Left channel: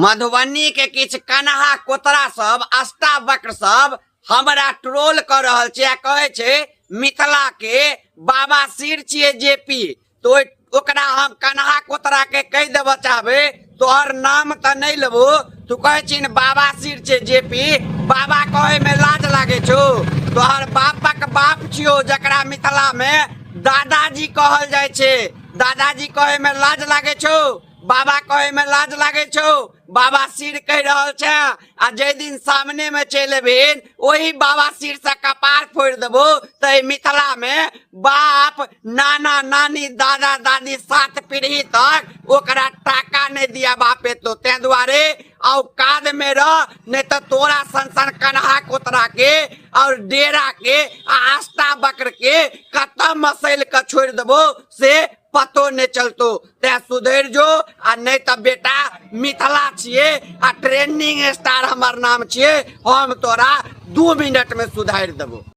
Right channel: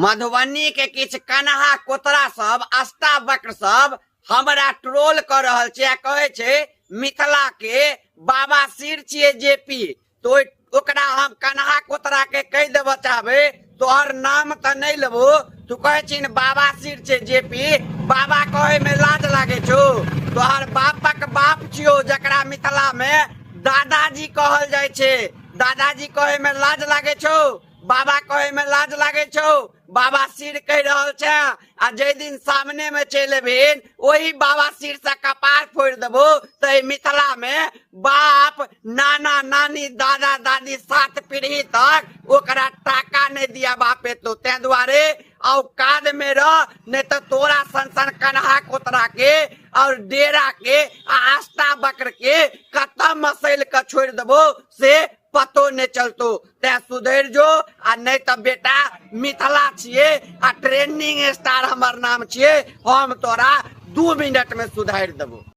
मधुबनी के किछ कन्हा कोतरा सब अष्टावक्र सब हमरा ट्रोल कर रहल छै आ कहे छै मिथिला के बाबा सिर छिये जेपी। तो ओकरा हम कन्हा कोतरा के कह देबो चाहबे तोहर नाम त नहीं लेबो, तू कहे छिन बाबा सिर छे जेपी। बाबा कहे में लाज लागे छो? तोहर बापक बाप छियो जकरा मिथिला में दादाजी कहल जाय छे। दादाजी कहे में लाज लागे छो? बाबा कहे में लाज लागे छो? बाबा सिर कह रहल छे आ जे दिन सामने में चले भेन वही बाबा सिर से कपार फोड़ देबो। तो मिथिला में बाप नाना नानी दादा दादी 7 पीढ़ी तक ओकरा टाका नहीं दिया बापे। तो ते दुआरे औकात में रह, नहीं तो तोरा संसन कन्हा कोतरा के और डेरा के आस्था बकर के कतम मसल के छोड़ देबो से पतो नहीं चलतो। ते सुधर जो आ नहीं तो बेटा मिथिला छिए आ ट्रेंडिंग स्टार हमर नाम छिए, हम तोरा 2 मिनट में सुधार देबो।